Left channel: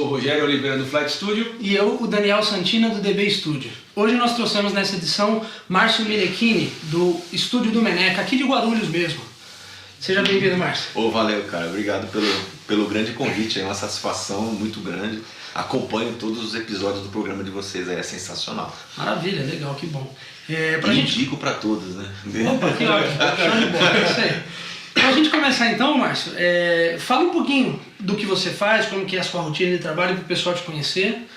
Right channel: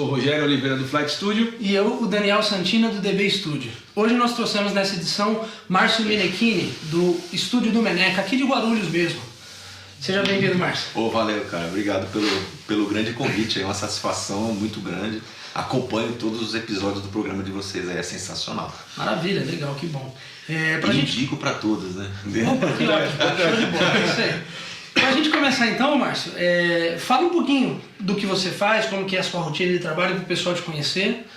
sou o Rogério Oliveira do Flight Studio. E eu, o Daniel Santina, do DB Studio. Hoje nós trouxemos nessa edição Márcio Menechini, do Estúdio do Meneca, aqui de Guarulhos mesmo. Seja bem-vindo, Márcio. Valeu, cara. Obrigado pelo grande convite. É uma satisfação muito grande. Acompanho todos os episódios do programa de vocês. É sensacional. Maravilha, legal, que bom. Indico para todos, né? Opa, que ótimo. Show de bola, é isso aí. Pra gente começar então, Márcio, fala um pouquinho do que você faz, como que é a sua rotina de trabalho para o pessoal te conhecer.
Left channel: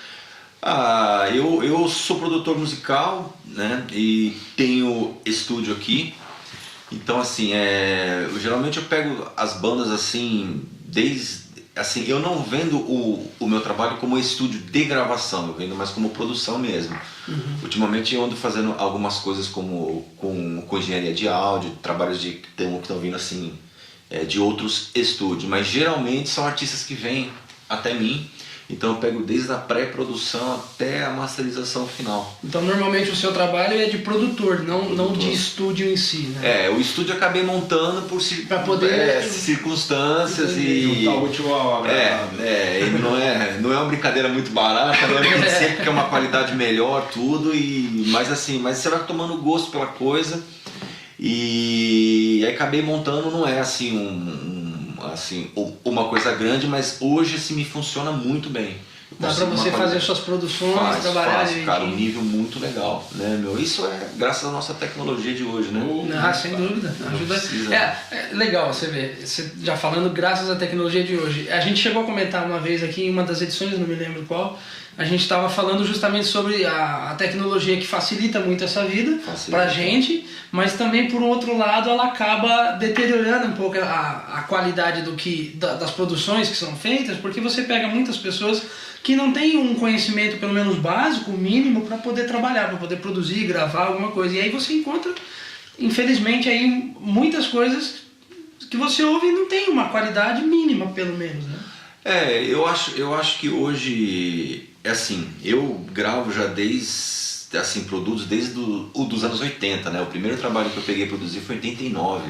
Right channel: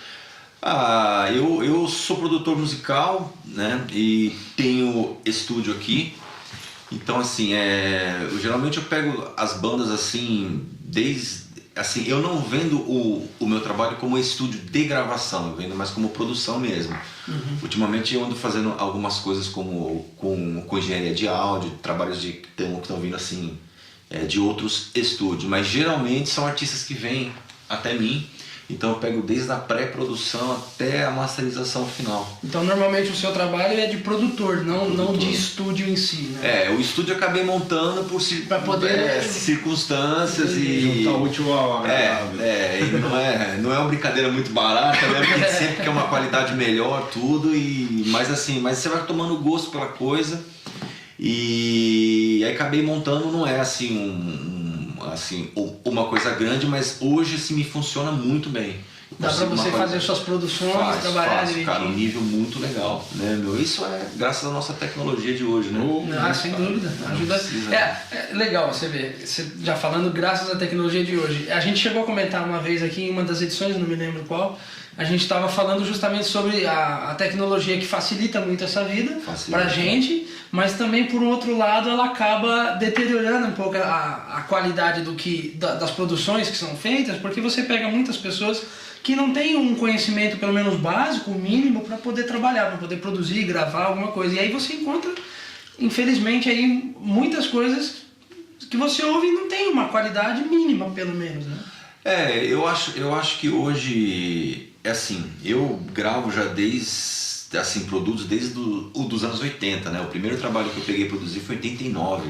Eu sou produtor musical, né? E tenho estúdio aqui. Então, assim, geralmente eu pego as bandas assim, eu não vendo o meu trabalho como estúdio de gravação, eu vendo mais como produção mesmo. Uhum. Ultimamente eu ando fazendo algumas coisas com engenharia de áudio, trabalhos que estão vindo assim, de outros estúdios, mas geralmente são artistas que vêm até mim. Então eu pego desde a pré-produção até a masterização final. Então normalmente o seu trabalho é de produtor, não de estúdio em si, né? O estúdio eu acabei montando por circunstâncias e... não é uma brincadeira muito barata, né? Porque sempre quer uma qualidade melhor, tudo, mas você vai tomando gosto pela coisa e aí acabei montando, não é assim uma coisa grande, mas hoje assim me funciona muito bem. Dá pra você fazer suas produções, trabalhar direitinho. Cara, um nível muito legal, né, meu? Isso é graças à nossa tecnologia de hoje, né? Sem dúvida. Ajuda. É legal você ver, você já falando graças à tecnologia de hoje. A gente chegou a comentar uma vez aqui em uma das edições, não me lembro qual, a gente estava falando justamente sobre a tecnologia que facilita muito essa vida pra gente, mas também por outro lado ela acaba deteriorando um pouco a qualidade das produções que são feitas, porque você pega muitas pessoas que não têm um conhecimento pelo menos básico, mínimo, para poder trabalhar, para poder produzir, gravar alguma coisa. E aí você encontra, infelizmente, aí muitas coisas que você ouve e não tem uma qualidade mínima, pelo menos, né? Eu acho que hoje, eu gravo já produtos desde dos anos 80, né? O primeiro trabalho que eu peguei e produzi foi em 89,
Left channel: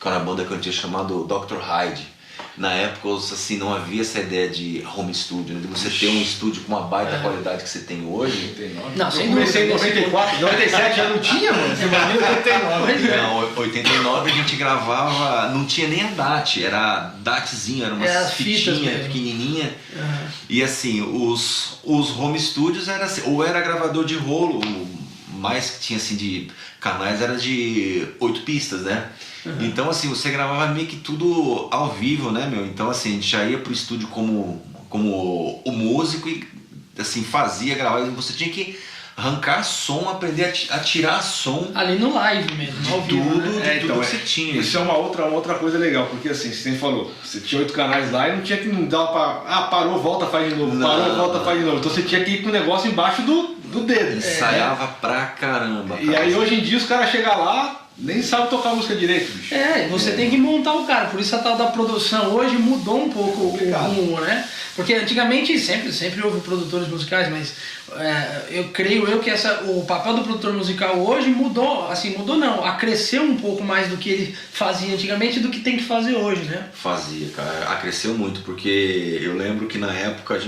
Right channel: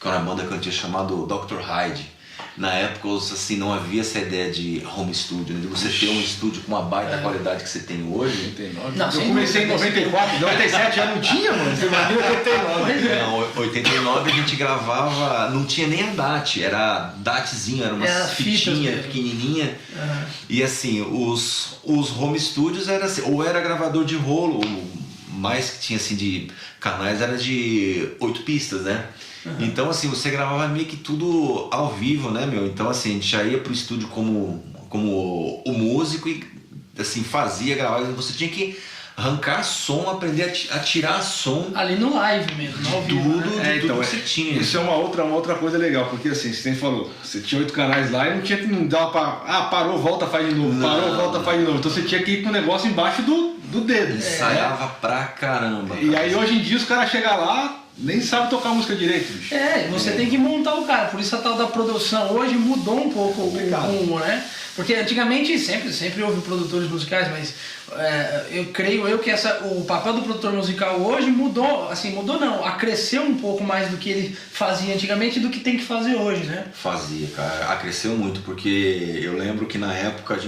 que era uma banda que eu tinha chamado Dr. Hyde. Na época, assim, não havia essa ideia de home studio, né? De você ter um estúdio com uma baita qualidade que você tem hoje. 89. Não, eu comecei em 94, 97 já não tinha, mano. Não, 89 a gente gravava, não tinha nem a DAT, era DATzinho, era uma fitinha pequenininha. Uhum. E assim, os home studios era assim, ou era gravador de rolo, mais que tinha assim de canais era de 8 pistas, né? Uhum. Então assim, você gravava meio que tudo ao vivo, né, meu? Então assim, a gente já ia pro estúdio como o músico e assim, fazia, gravava, você tinha que arrancar som, aprender a tirar som ali no live mesmo, ao vivo, de tudo que você tinha. Isso é uma outra coisa legal, porque assim, você falou, você tinha 8 canais lá e não dava pra... parou, volta, faz de novo, volta, faz de novo. Então você tinha que ir com o negócio embaixo do dedo. Ensaiava pra caramba. E aí hoje em dia os caras chegam lá, nem sabe tocar música direito, bicho. Você tem que montar o cara, por isso a tal da produção hoje mudou um pouco o rumo, né? Porque antigamente sempre houve produtores musicais, mas eu creio que o papel do produtor musical hoje mudou, acresceu um pouco mais do que ele fazia antigamente do que tem que fazer hoje, né? Fazia, cara, acresceu muito, porque eu lembro que na época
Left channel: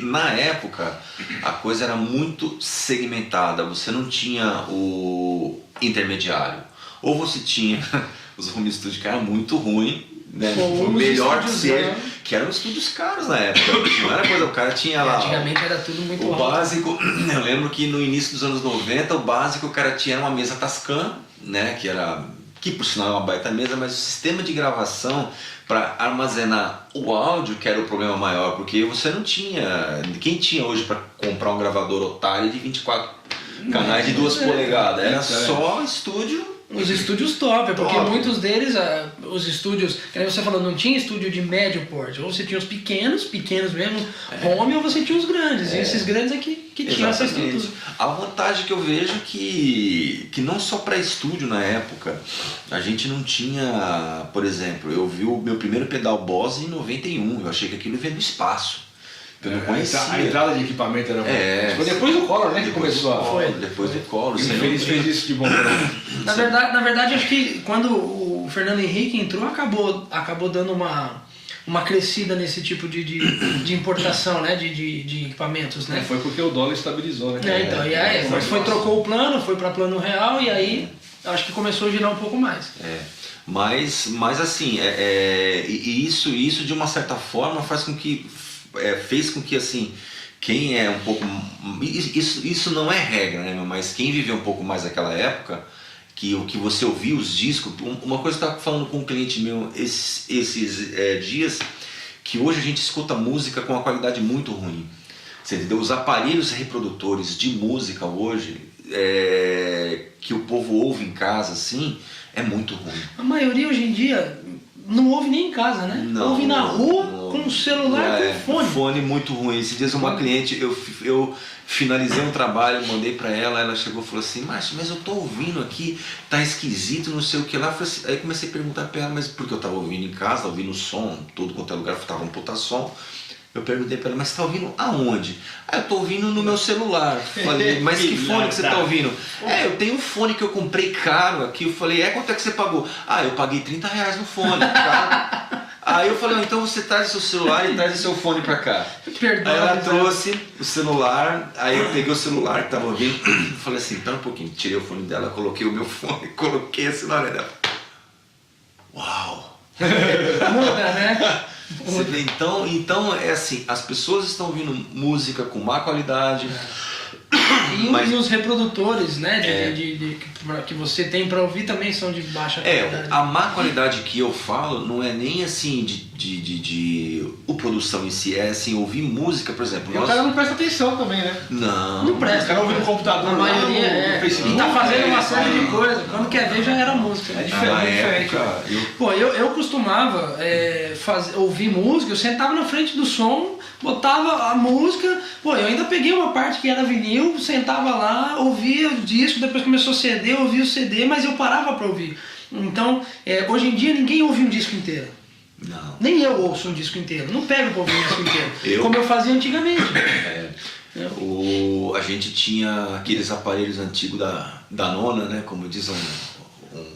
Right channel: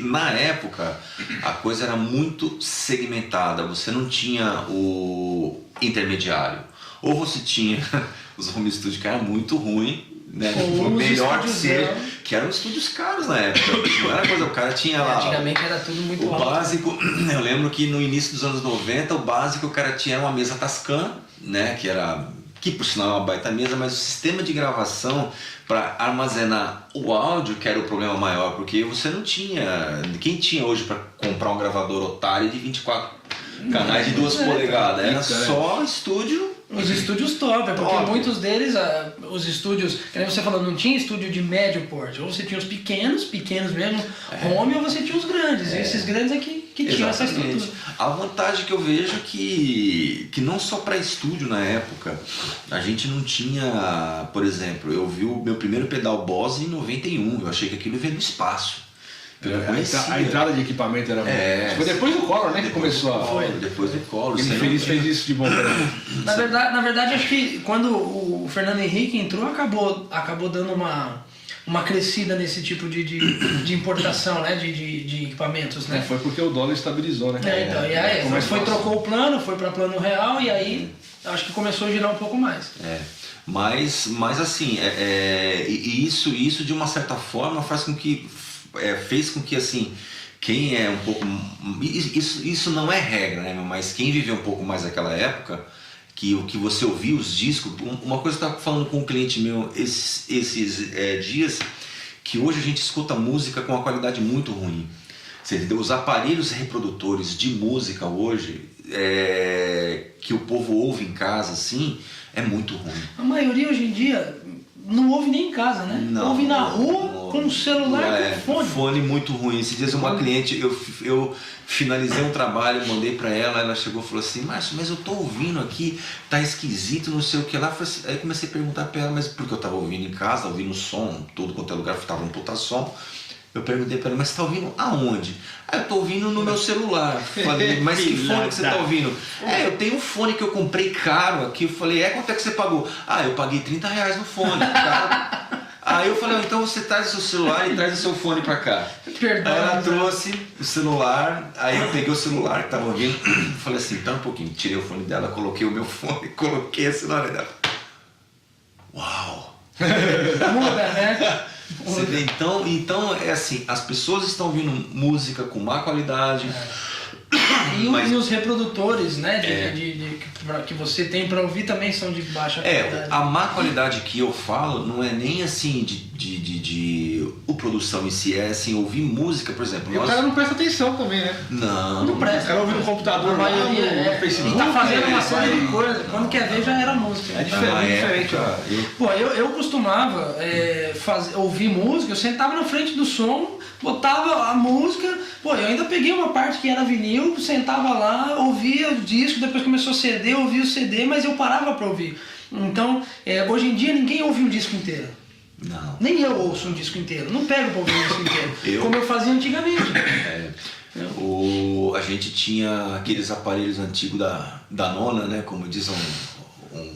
na época a coisa era muito segmentada, você não tinha o intermediário, ou você tinha os home studios que era muito ruim, né? Melhor que seja, que eram estúdios caros na época, não era coisa, o cara tinha lá antigamente era tudo muito o alto. Básico, eu lembro que no início dos anos 90 o básico o cara tinha uma mesa Tascam, né, que por sinal é uma baita mesa, mas o sistema de gravação para armazenar o áudio que era o problema maior, porque você não tinha, quem tinha hoje para comprar um gravador otário de 24 canais de 2 polegadas, era só estúdio. Os estúdios top, porque muitos deles, os estúdios, como você falou, não tinha estúdio de médio porte, ou você tinha os pequenos mesmo, home, ou você tinha os grandes, e esses grandes é que tinham essa estrutura. A vantagem que eu vejo é que não só para estúdio na época, a gente não tinha, por exemplo, eu vi o meu primeiro pedal Boss em 91, eu achei que aquilo veio do espaço. Eu não conhecia. A entrada de equipamento era foi depois do Collor, né? Que começou a... Depois do Collor. Ele fez isso de bom na verdade, acho que quando o Fernando Henrique entrou, acabou dando uma uma crescida nesse tipo de importação, né? De equipamentos, né? Foi porque o dólar estabilizou, né? Então, e aí, trocou o plano, foi para plano real e aí acho que começou a girar um pouco mais. Mas assim, isso de uma certa forma fez com que assim, quem é um pouco... Isso não é regra, né? Mas quem viveu um pouco mais daquela época, que o que você ouvia os discos... Uma coisa que eu estava falando com um cliente meu esses dias, que hoje a gente escuta música com uma qualidade muito ruim. Você entendeu? Os aparelhos reprodutores de música hoje, que o povo ouve em casa, assim, é muito ruim. A maioria hoje em dia não ouve nem em casa, né? Não, ouve na rua, com o celular e com fone. Fone muito ruim. Esses dias uma cliente, eu finalizei um trabalho, mandei pra ela chegou e falou assim, Márcio, mas eu tô ouvindo aqui, tá esquisito, não sei o que lá. Assim, aí comecei a perguntar pra ela, mas porque eu tava ouvindo em casa, ouvindo som, tudo quanto é lugar, tava um puta som. Eu perguntei pra ela, mas você tá ouvindo aonde? Eu tô ouvindo no meu celular. Falei, mas que fone que você tá ouvindo? Eu tenho um fone que eu comprei caro aqui. Eu falei, quanto é que você pagou? Eu paguei R$30 no fone, caro. Aí eu falei, então você traz o seu celular e traz o seu fone pra cá. Perdão, aí ela trouxe o celular, aí eu peguei o celular que tava ouvindo, falei assim, espera um pouquinho, tirei o fone dela, coloquei o meu fone, coloquei a celular dela. Uau! Muda, né? Você vê, então é assim, as pessoas estão ouvindo música com má qualidade. E os reprodutores, né, que você tem para ouvir também são de baixa qualidade. A má qualidade que eu falo não é nem assim de produção em si, é assim, ouvir música, por exemplo. O cara não presta atenção também, né? Não presta. O cara ouve no computador, a maioria Facebook, e tá fazendo uma série de coisas. Quando quer ver já era música. É diferente. Eu costumava ouvir música, eu sentava na frente do som, botava a música, eu ainda peguei uma parte que era vinil, sentava lá, ouvia o disco, depois começou CD, ouvia o CD, mas eu parava para ouvir. Então, hoje em dia ninguém ouve um disco inteiro. Não. Nem eu ouço um disco inteiro, não pego para ouvir um disco inteiro, como eu fazia antigamente. A gente tinha aqueles aparelhos antigos da nona, né? Como diz um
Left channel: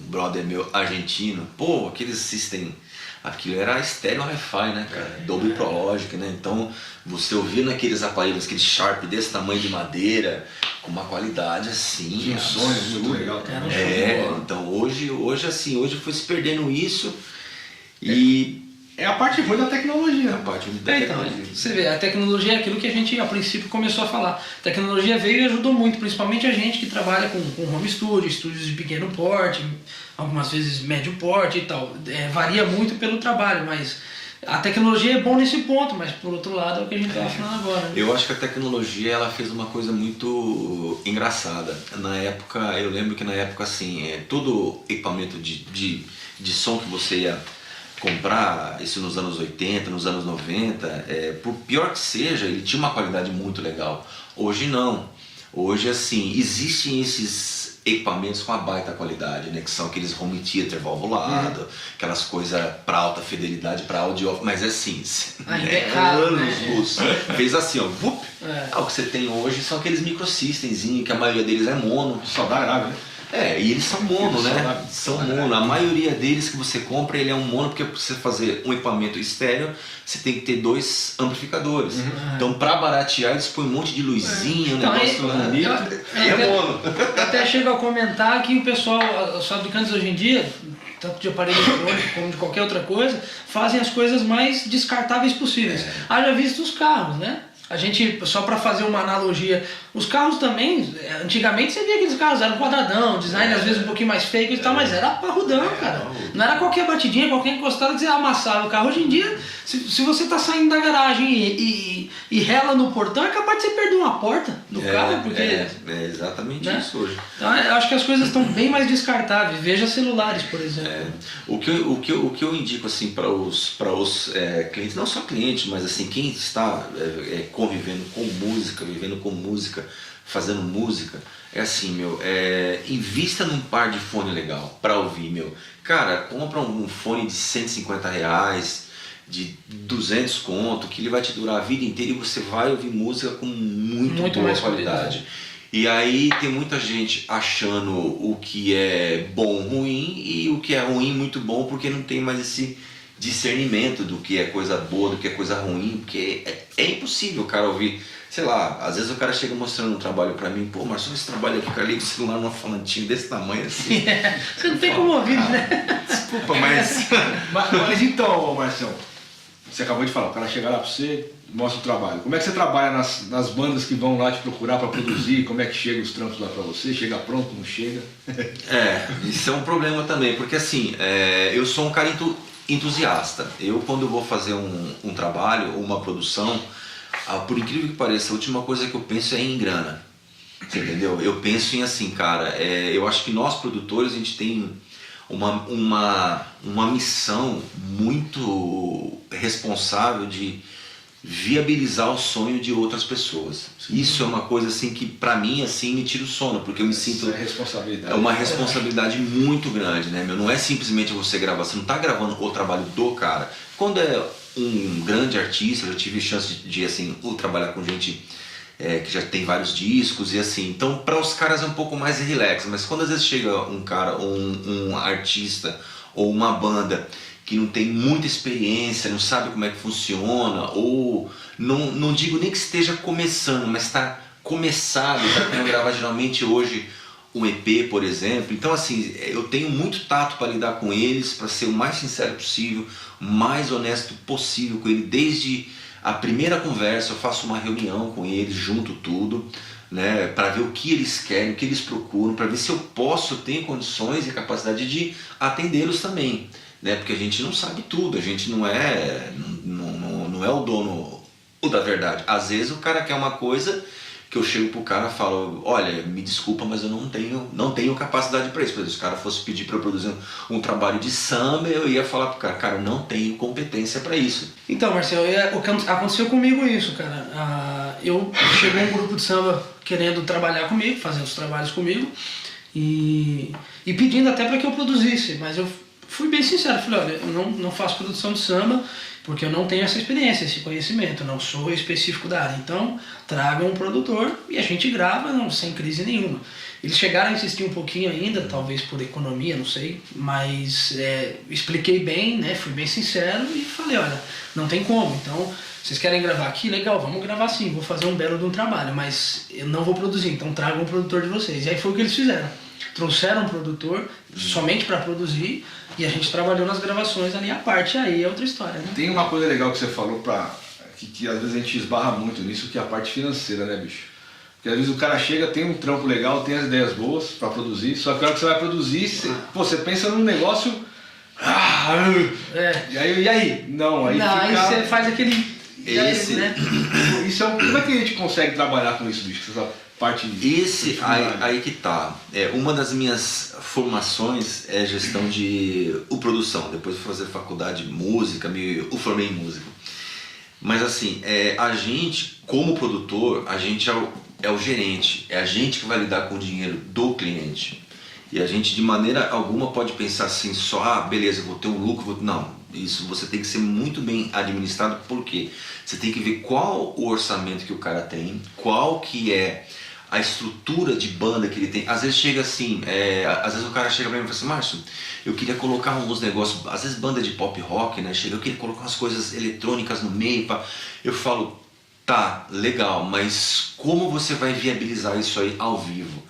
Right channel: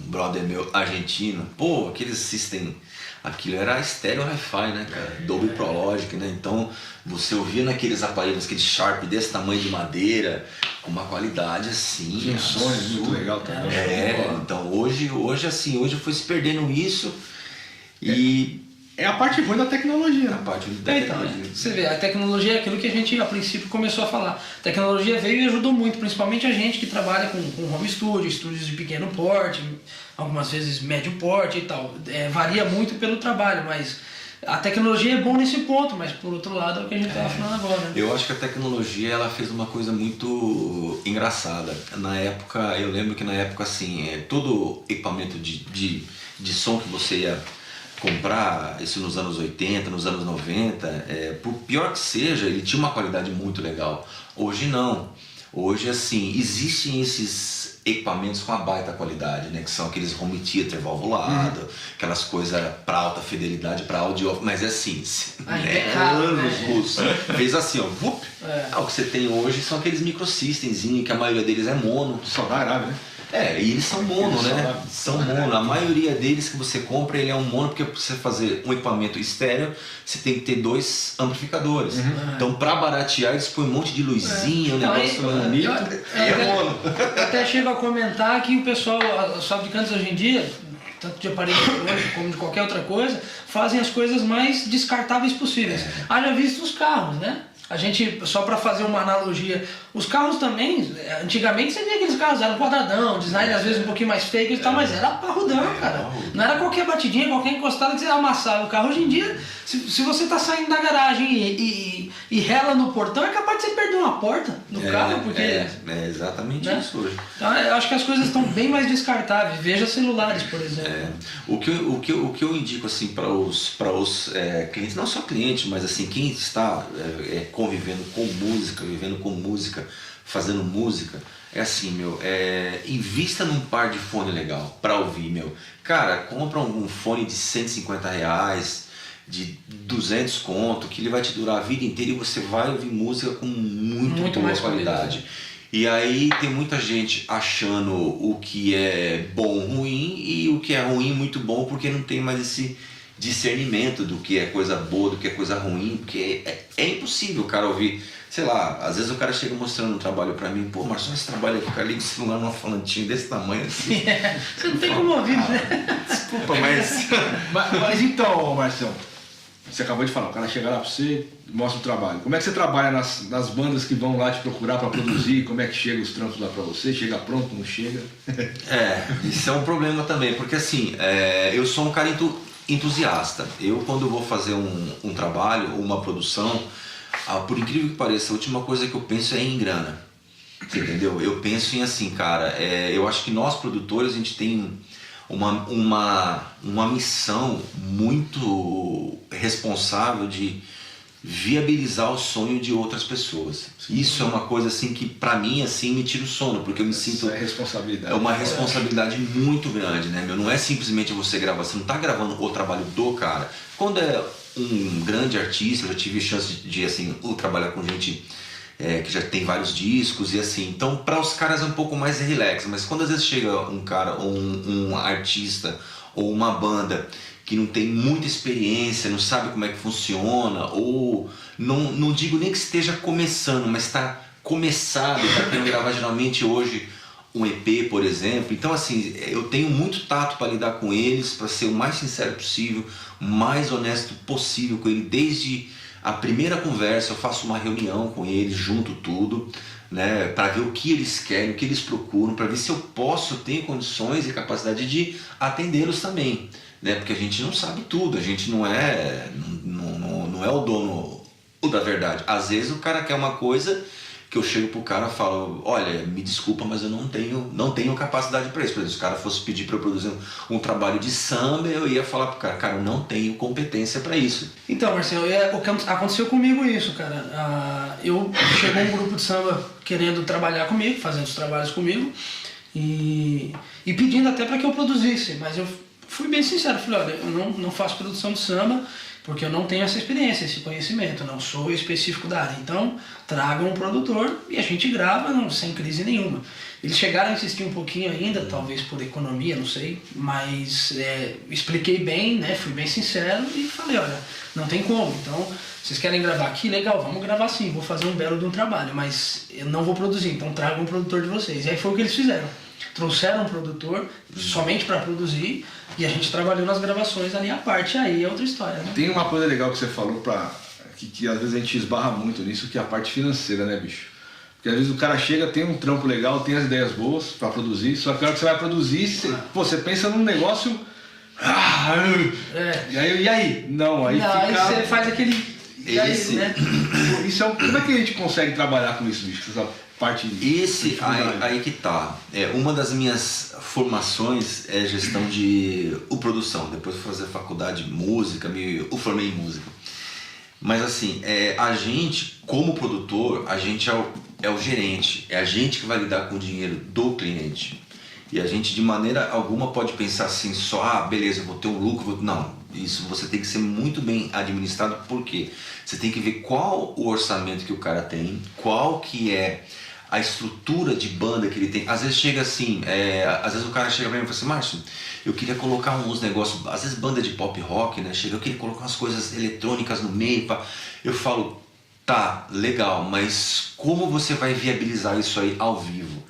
brother meu argentino, aqueles system, aquilo era estéreo hi-fi, né, cara? Dolby Pro Logic, né? Então você ouvia naqueles aparelhos, aquele Sharp desse tamanho de madeira, com uma qualidade assim, absurda. Então hoje foi se perdendo isso e... É a parte ruim da tecnologia. Você vê, a tecnologia é aquilo que a gente a princípio começou a falar. A tecnologia veio e ajudou muito, principalmente a gente que trabalha com home studio, estúdios de pequeno porte, algumas vezes médio porte e tal. Varia muito pelo trabalho, mas a tecnologia é bom nesse ponto, mas por outro lado é o que a gente está falando agora. Né? Eu acho que a tecnologia ela fez uma coisa muito engraçada. Eu lembro que na época assim, todo equipamento de som que você ia comprar, isso nos anos 80, nos anos 90, por pior que seja, ele tinha uma qualidade muito legal. Hoje não. Hoje, assim, existem esses equipamentos com a baita qualidade, né? Que são aqueles home theater valvulado, aquelas coisas para alta fidelidade, para audio, mas assim, fez assim, ó, o que você tem hoje são aqueles microsystems, que a maioria deles é mono. Só dá grave, né? E eles são mono, né? São mono. A maioria deles que você compra, ele é um mono, porque para você fazer um equipamento estéreo, você tem que ter 2 amplificadores. Então, para baratear, eles põem um monte de luzinha, um negócio bonito. É mono. Eu até chego a comentar que o pessoal, os fabricantes hoje em dia, tanto de aparelho eletrônico como de qualquer outra coisa, fazem as coisas mais descartáveis possíveis. Haja visto os carros, né? A gente, só para fazer uma analogia, os carros também, antigamente você via aqueles carros, eram quadradão, design às vezes um pouquinho mais fake e tal, mas era parrudão, cara. Não era qualquer batidinha, qualquer encostada que você amassava o carro. Hoje em dia, se você tá saindo da garagem e rela no portão, é capaz de você perder uma porta do carro, porque... É exatamente isso hoje. Então, eu acho que as coisas estão bem mais descartáveis. Veja celulares, por exemplo. O que eu indico assim para os clientes, não só clientes, mas assim quem está convivendo com música, vivendo com música, fazendo música, assim, invista num par de fone legal para ouvir, Cara, compra um fone de R$150, de 200 conto, que ele vai te durar a vida inteira e você vai ouvir música com muito boa qualidade. E aí tem muita gente achando o que é bom ruim e o que é ruim muito bom, porque não tem mais discernimento do que é coisa boa, do que é coisa ruim, porque é impossível o cara ouvir, sei lá, às vezes o cara chega mostrando um trabalho pra mim, pô, Marcelo, esse trabalho aqui, cara, liga o celular num falantinho desse tamanho assim. Você não tem como ouvir, né? Desculpa, mas... Mas então, Marcelo, você acabou de falar, o cara chega lá pra você, mostra o trabalho. Como é que você trabalha nas bandas que vão lá te procurar pra produzir? Como é que chega os trampos lá pra você? Chega pronto, não chega? Isso é um problema também, porque assim, eu sou um cara entusiasta. Eu, quando eu vou fazer um trabalho ou uma produção, por incrível que pareça, a última coisa que eu penso é em grana. Você entendeu? Eu penso em assim, cara, eu acho que nós produtores, a gente tem uma missão muito responsável de viabilizar o sonho de outras pessoas. Sim. Isso é uma coisa assim que pra mim assim me tira o sono, porque eu me sinto responsabilidade. É uma responsabilidade muito grande, né, meu? Não é simplesmente você gravar, você não tá gravando o trabalho do cara. Quando é um grande artista, eu já tive chance de assim, trabalhar com gente que já tem vários discos e assim, então para os caras é um pouco mais relax, mas quando às vezes chega um cara, um artista ou uma banda que não tem muita experiência, não sabe como é que funciona, ou não digo nem que esteja começando, mas está começado, está querendo gravar geralmente hoje um EP, por exemplo. Então assim, eu tenho muito tato para lidar com eles, para ser o mais sincero possível, o mais honesto possível com ele, desde a primeira conversa. Eu faço uma reunião com eles, junto tudo, né, para ver o que eles querem, o que eles procuram, para ver se eu tenho condições e capacidade de atendê-los também, né, porque a gente não sabe tudo, a gente não é o dono da verdade. Às vezes o cara quer uma coisa que eu chego pro cara e falo, olha, me desculpa, mas eu não tenho capacidade para isso. Por exemplo, se o cara fosse pedir para eu produzir um trabalho de samba, eu ia falar pro cara, eu não tenho competência para isso. Então, Marcelo, aconteceu comigo isso, cara. Chegou um grupo de samba querendo trabalhar comigo, fazendo os trabalhos comigo, e pedindo até para que eu produzisse, mas eu fui bem sincero, falei, olha, eu não faço produção de samba, porque eu não tenho essa experiência, esse conhecimento, não sou específico da área. Então, tragam um produtor e a gente grava sem crise nenhuma. Eles chegaram a insistir um pouquinho ainda, talvez por economia, não sei, mas expliquei bem, né, fui bem sincero e falei, olha, não tem como. Então, vocês querem gravar aqui? Legal, vamos gravar sim, vou fazer um belo de um trabalho, mas eu não vou produzir, então tragam um produtor de vocês. E aí foi o que eles fizeram. Trouxeram um produtor somente para produzir e a gente trabalhou nas gravações ali à parte, aí é outra história, né? Tem uma coisa legal que você falou, que às vezes a gente esbarra muito nisso, que é a parte financeira, né, bicho? Porque às vezes o cara chega, tem um trampo legal, tem as ideias boas para produzir, só que na hora que você vai produzir, você pensa num negócio... E aí? Não, aí fica... Aí você faz aquele... né? Isso como é que a gente consegue trabalhar com isso, bicho? Parte aí que tá. Uma das minhas formações é gestão de produção. Depois de fazer faculdade de música, eu formei em música. Mas assim, a gente, como produtor, a gente é o gerente. É a gente que vai lidar com o dinheiro do cliente. E a gente de maneira alguma pode pensar assim, só, beleza, eu vou ter um lucro. Não, isso você tem que ser muito bem administrado, porque você tem que ver qual o orçamento que o cara tem, qual que é a estrutura de banda que ele tem. Às vezes chega assim, às vezes o cara chega pra mim e fala assim, Márcio, eu queria colocar uns negócios, às vezes banda de pop rock, né? Eu queria colocar umas coisas eletrônicas no meio. Eu falo, tá, legal, mas como você vai viabilizar isso aí ao vivo?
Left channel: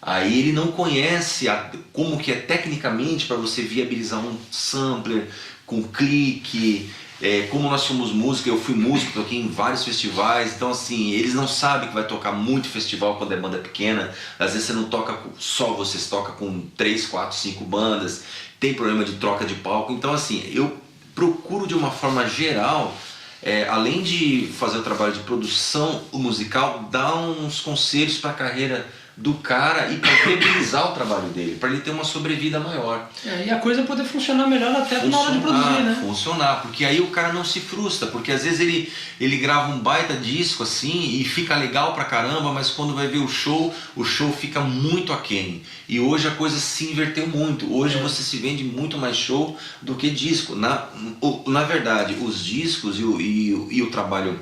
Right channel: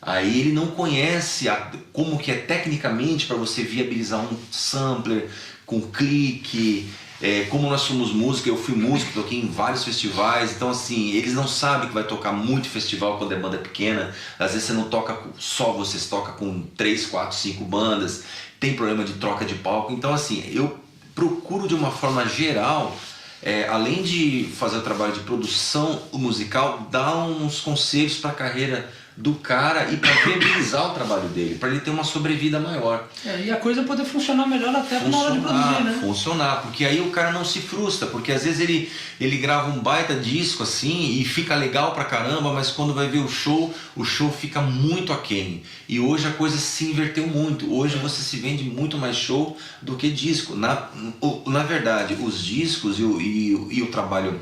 Aí ele não conhece como que é tecnicamente para você viabilizar um sampler com clique. Como nós somos músicos, eu fui músico, toquei em vários festivais, então assim, eles não sabem que vai tocar muito festival quando a banda é pequena. Às vezes você não toca só você toca com 3, 4, 5 bandas, tem problema de troca de palco. Então assim, eu procuro de uma forma geral, além de fazer o trabalho de produção musical, dar uns conselhos para a carreira do cara e para viabilizar o trabalho dele, para ele ter uma sobrevida maior. E a coisa poder funcionar melhor até na hora de produzir, né? Funcionar, porque aí o cara não se frustra, porque às vezes ele grava um baita disco assim e fica legal pra caramba, mas quando vai ver o show fica muito aquém. E hoje a coisa se inverteu muito. Hoje você se vende muito mais show do que disco. Na verdade, os discos e o trabalho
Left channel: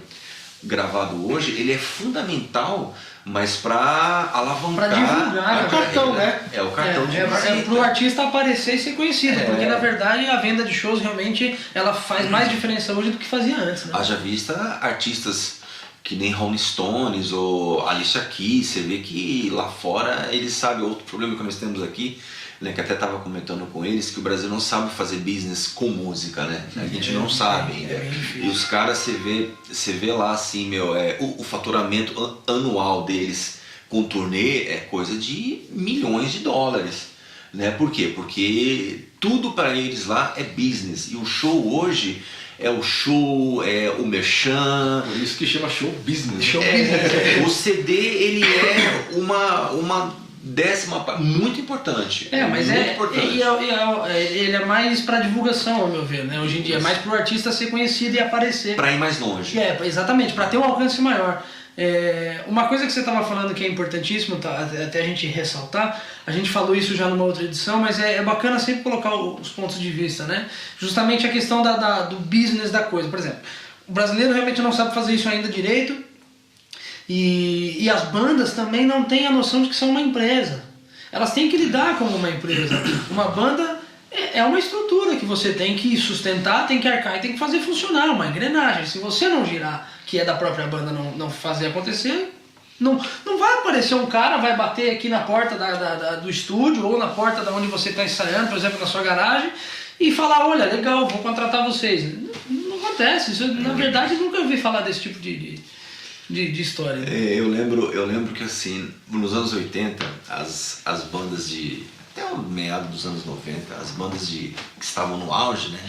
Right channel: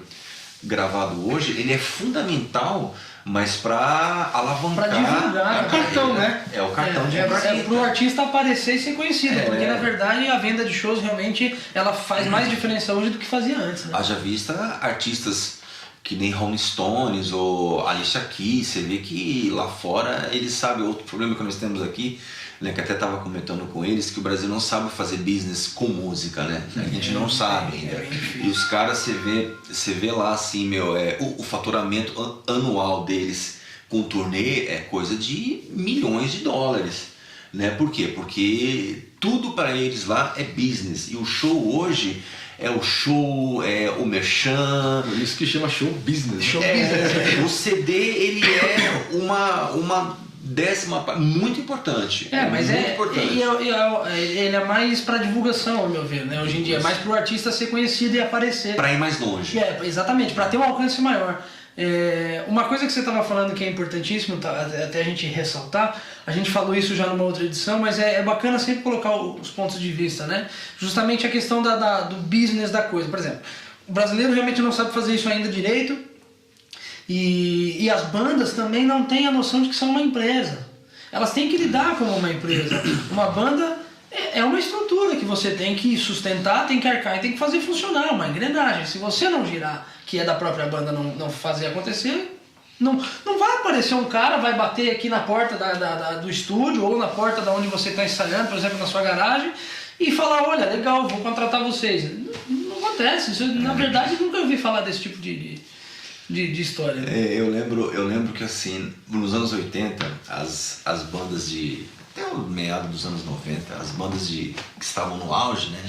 gravado hoje, ele é fundamental mas para alavancar. Pra divulgar, É o cartão, né? É o cartão de visita. É pro artista aparecer e ser conhecido, porque na verdade a venda de shows realmente ela faz mais diferença hoje do que fazia antes, né? Haja vista artistas que nem Rolling Stones ou Alicia Keys, você vê que lá fora eles sabem. Outro problema que nós temos aqui, né, que até estava comentando com eles, que o Brasil não sabe fazer business com música, né? A gente não sabe ainda. E os caras, você vê lá assim, o faturamento anual deles com turnê é coisa de milhões de dólares. Né? Por quê? Porque tudo para eles lá é business. E o show hoje é o show, é o merchan. Por isso que chama show business. O CD ele é uma décima parte, muito importante. Mas muito importante. Ele é mais para divulgação, ao meu ver, né? Hoje em dia, é mais para o artista ser conhecido e aparecer. Para ir mais longe. Exatamente, para ter um alcance maior. Uma coisa que você estava falando que é importantíssimo, tá, até a gente ressaltar, a gente falou isso já numa outra edição, mas é bacana sempre colocar os pontos de vista, né? Justamente a questão do business da coisa. Por exemplo, o brasileiro realmente não sabe fazer isso ainda direito, e as bandas também não têm a noção de que são uma empresa. Elas têm que lidar como uma empresa. Uma banda é uma estrutura que você tem que sustentar, tem que arcar e tem que fazer funcionar, uma engrenagem. Se você não girar, que é da própria banda, não fazer acontecer, não vai aparecer um cara, vai bater aqui na porta do estúdio ou na porta da onde você está ensaiando, por exemplo, na sua garagem, e falar, olha, legal, vou contratar vocês. Não acontece. Isso, na verdade, eu nunca ouvi falar desse tipo de história. Né? Eu lembro que assim, nos anos 80, as bandas até o meado dos anos 90, as bandas que estavam no auge, né,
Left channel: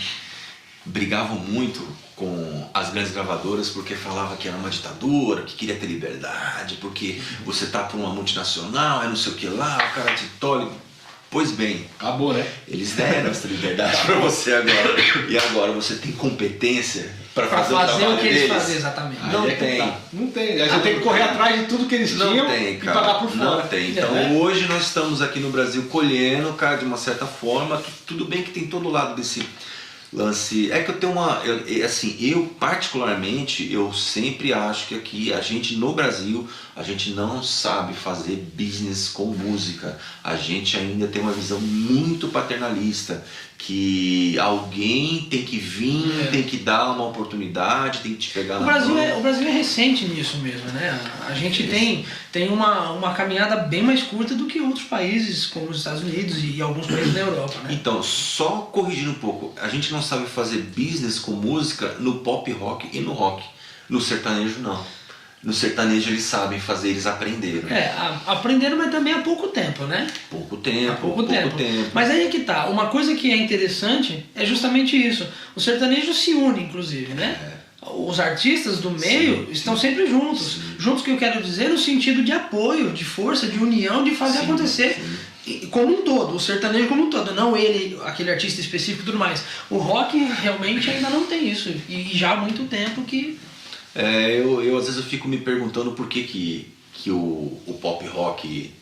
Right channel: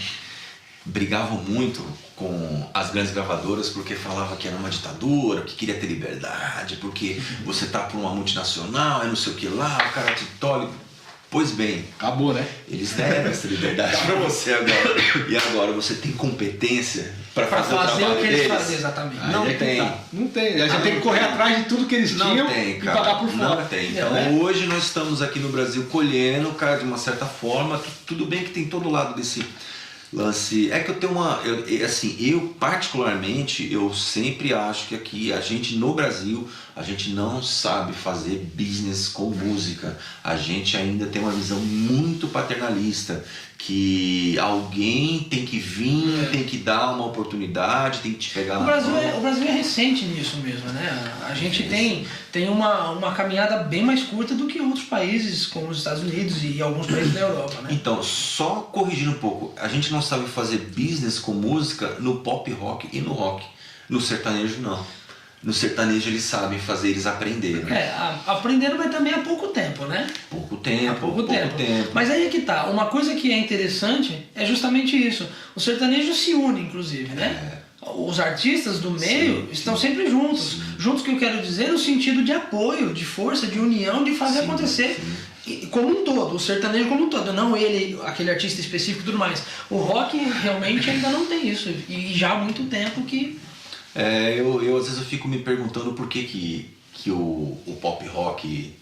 brigavam muito com as grandes gravadoras porque falava que era uma ditadura, que queria ter liberdade, porque você tá por uma multinacional, é não sei o que lá, o cara te tolhe. Pois bem, acabou, né? Eles deram essa liberdade para você agora. E agora você tem competência para fazer o trabalho o que deles? eles fazem, exatamente. Não tem. Não tem. A gente tem que correr atrás de tudo que eles tinham não tem, cara. E pagar por fora. Não tem. Então hoje nós estamos aqui no Brasil colhendo, cara, de uma certa forma, que tudo bem que tem todo lado desse lance. É que eu tenho eu particularmente, eu sempre acho que aqui a gente no Brasil, a gente não sabe fazer business com música. A gente ainda tem uma visão muito paternalista, que alguém tem que vir, tem que dar uma oportunidade, tem que te pegar na mão. O Brasil é recente nisso mesmo, né? A gente tem uma caminhada bem mais curta do que outros países, como os Estados Unidos e alguns países da Europa, né? Então, só corrigindo um pouco, a gente não sabe fazer business com música no pop rock e no rock. No sertanejo, não. No sertanejo eles sabem fazer, eles aprenderam. Aprenderam, mas também há pouco tempo, né? Pouco tempo. Mas aí é que tá. Uma coisa que é interessante é justamente isso. O sertanejo se une, inclusive, né? Os artistas do meio estão sempre juntos. Sim. Juntos, que eu quero dizer, no sentido de apoio, de força, de união, de fazer acontecer. Como um todo, o sertanejo como um todo, não ele, aquele artista específico e tudo mais. O rock realmente ainda não tem isso. E já há muito tempo que... Eu às vezes eu fico me perguntando por que o pop rock...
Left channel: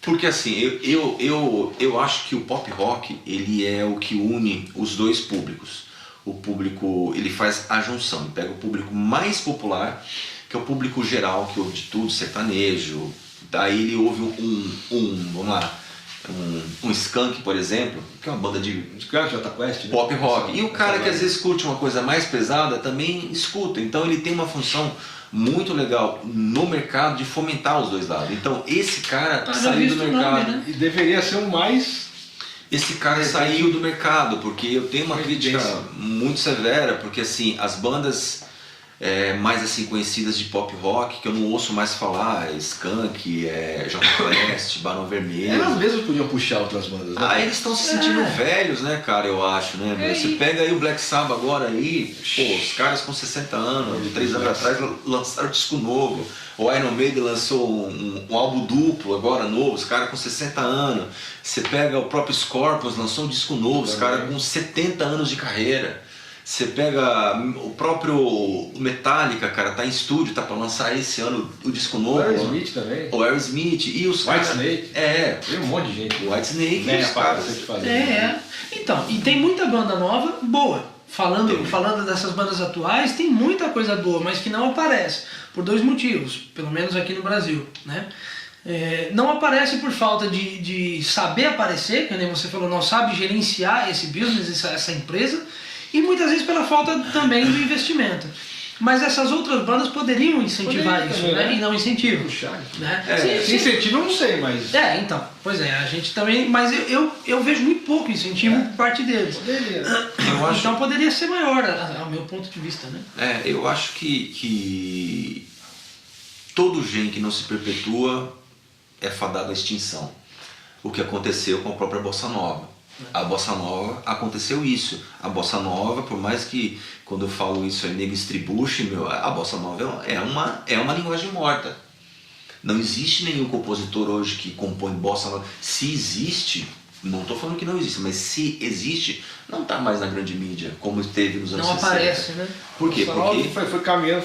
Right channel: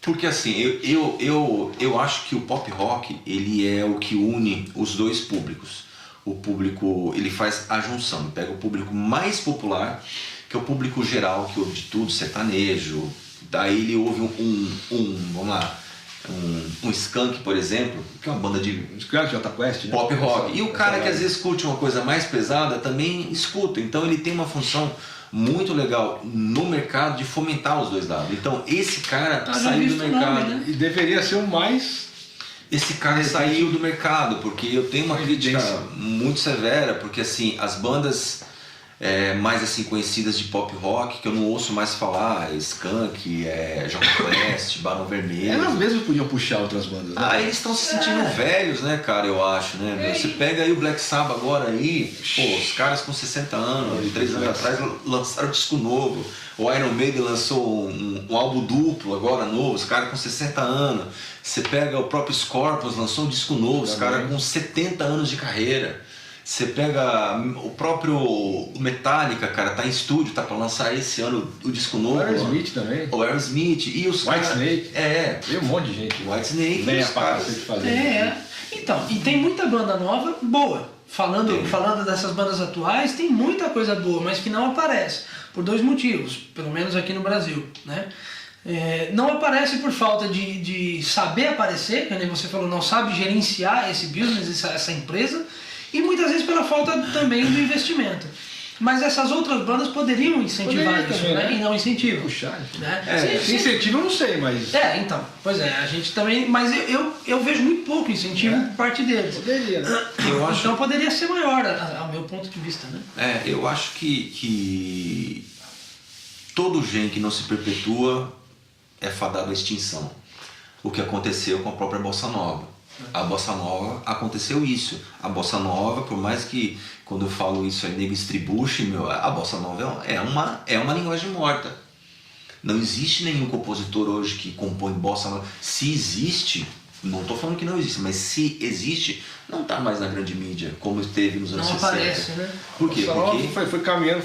Porque assim, eu acho que o pop rock ele é o que une os dois públicos. O público, ele faz a junção, ele pega o público mais popular, que é o público geral, que ouve de tudo, sertanejo. Daí ele ouve um Skank, por exemplo, que é uma banda de Jota Quest, né? Pop rock. E o cara que às vezes curte uma coisa mais pesada também escuta. Então ele tem uma função muito legal no mercado de fomentar os dois lados. Então esse cara saiu do mercado. Nome, né? E deveria ser o mais... Esse cara saiu do mercado, porque eu tenho uma crítica muito severa, porque assim, as bandas mais assim conhecidas de pop rock, que eu não ouço mais falar, Skank, Jota Quest, Barão Vermelho. Elas mesmas podiam puxar outras bandas. Né? Eles estão se sentindo velhos, né, cara, eu acho, né? Você pega aí o Black Sabbath agora aí, os caras com 60 anos, 3 anos atrás lançaram disco novo. O Iron Maiden lançou um álbum duplo agora novo, os caras com 60 anos. Você pega o próprio Scorpions, lançou um disco novo, os caras com 70 anos de carreira. Você pega o próprio Metallica, cara, tá em estúdio, tá pra lançar esse ano o disco novo. O Aerosmith também. O Aerosmith e os caras... Whitesnake. Tem um monte de gente. O Whitesnake e os caras... Então, e tem muita banda nova boa. Falando dessas bandas atuais, tem muita coisa boa, mas que não aparece. por dois motivos, pelo menos aqui no Brasil, né? Não aparece por falta de saber aparecer, que nem você falou, não sabe gerenciar esse business, essa empresa, e muitas vezes pela falta também do investimento. Mas essas outras bandas poderiam incentivar isso, também, né? E não incentivam. Puxar. Né? Se incentivo eu não sei, mas... Então, pois é, a gente também... Mas eu vejo muito pouco incentivo por parte deles. Poderia. Então poderia ser maior, ao meu ponto de vista, né? Eu acho que todo gen que não se perpetua é fadado à extinção. O que aconteceu com a própria Bossa Nova. A Bossa Nova aconteceu isso. A Bossa Nova, por mais que quando eu falo isso aí nego estribuche, a Bossa Nova é uma linguagem morta. Não existe nenhum compositor hoje que compõe Bossa Nova. Se existe, não estou falando que não existe, mas se existe, não está mais na grande mídia, como esteve nos anos 60. Não aparece, né? Por quê? Porque foi caminhando,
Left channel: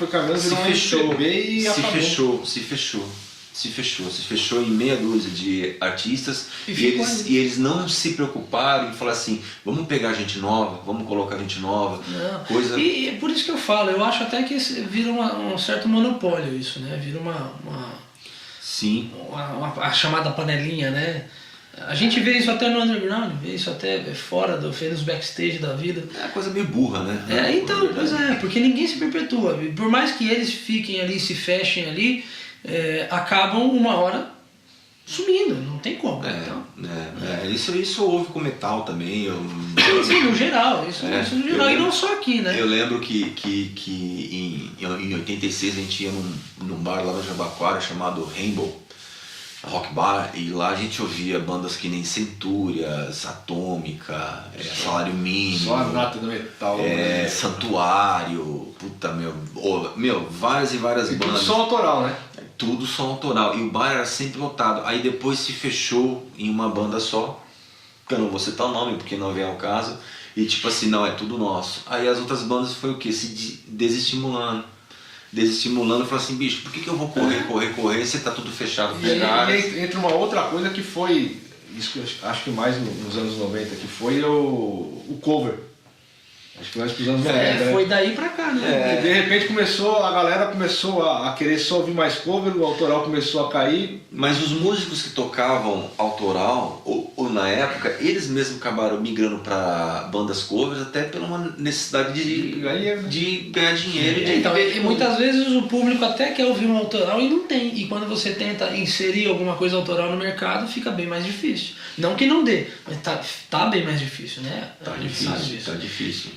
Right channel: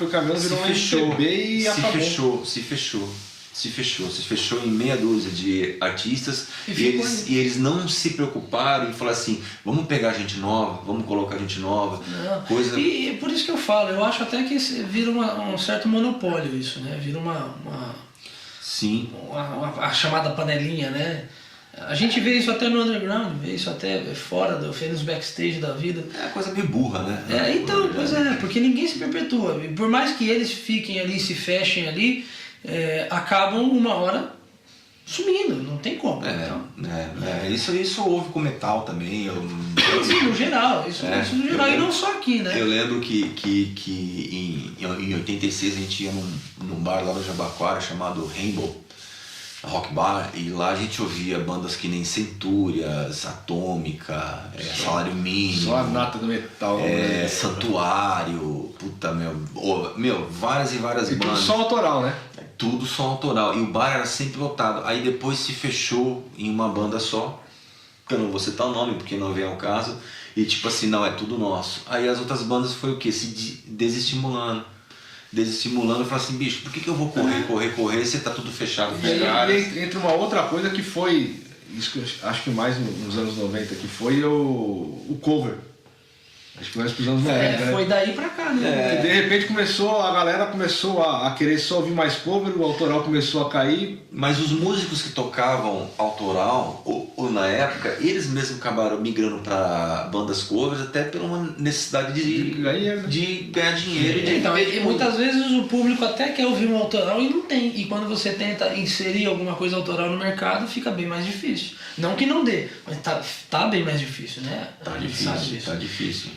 se fechou em meia dúzia de artistas e eles não se preocuparam em falar assim, vamos pegar gente nova, vamos colocar gente nova, coisa... E é por isso que eu falo, eu acho até que vira um certo monopólio isso, né? Vira Sim. A chamada panelinha, né? A gente vê isso até no underground, vê isso até fora nos backstage da vida. É uma coisa meio burra, né? Então, pois é, porque ninguém se perpetua. Por mais que eles fiquem ali, se fechem ali, acabam uma hora sumindo, não tem como. Isso houve com metal também. Sim, no geral, isso no geral, e não só aqui, né? Eu lembro que em 86 a gente ia num bar lá no Jabaquara chamado Rainbow Rock Bar, e lá a gente ouvia bandas que nem Centúrias, Atômica, Salário Mínimo, só a nata do metal, Santuário, puta várias e várias bandas. Tudo som autoral, né? Tudo som autoral, e o bar era sempre lotado. Aí depois se fechou em uma banda só, que eu não vou citar o nome porque não vem ao caso, e tipo assim, não, é tudo nosso. Aí as outras bandas foi o quê? Se desestimulando, falou assim, bicho, por que eu vou correr, você tá tudo fechado com os caras? E entra uma outra coisa que foi, isso que eu acho que mais nos anos 90, que foi o cover. Acho que mais pros anos 90. Foi daí pra cá, né? De repente a galera começou a querer só ouvir mais cover, o autoral começou a cair. Mas os músicos que tocavam autoral, ou na época, eles mesmos acabaram migrando para bandas covers, até pela uma necessidade de ganhar dinheiro. Então, e muitas vezes o público até quer ouvir um autoral e não tem. E quando você tenta inserir alguma coisa autoral no mercado, fica bem mais difícil. Não que não dê, mas tá bem mais difícil, né? Tá difícil.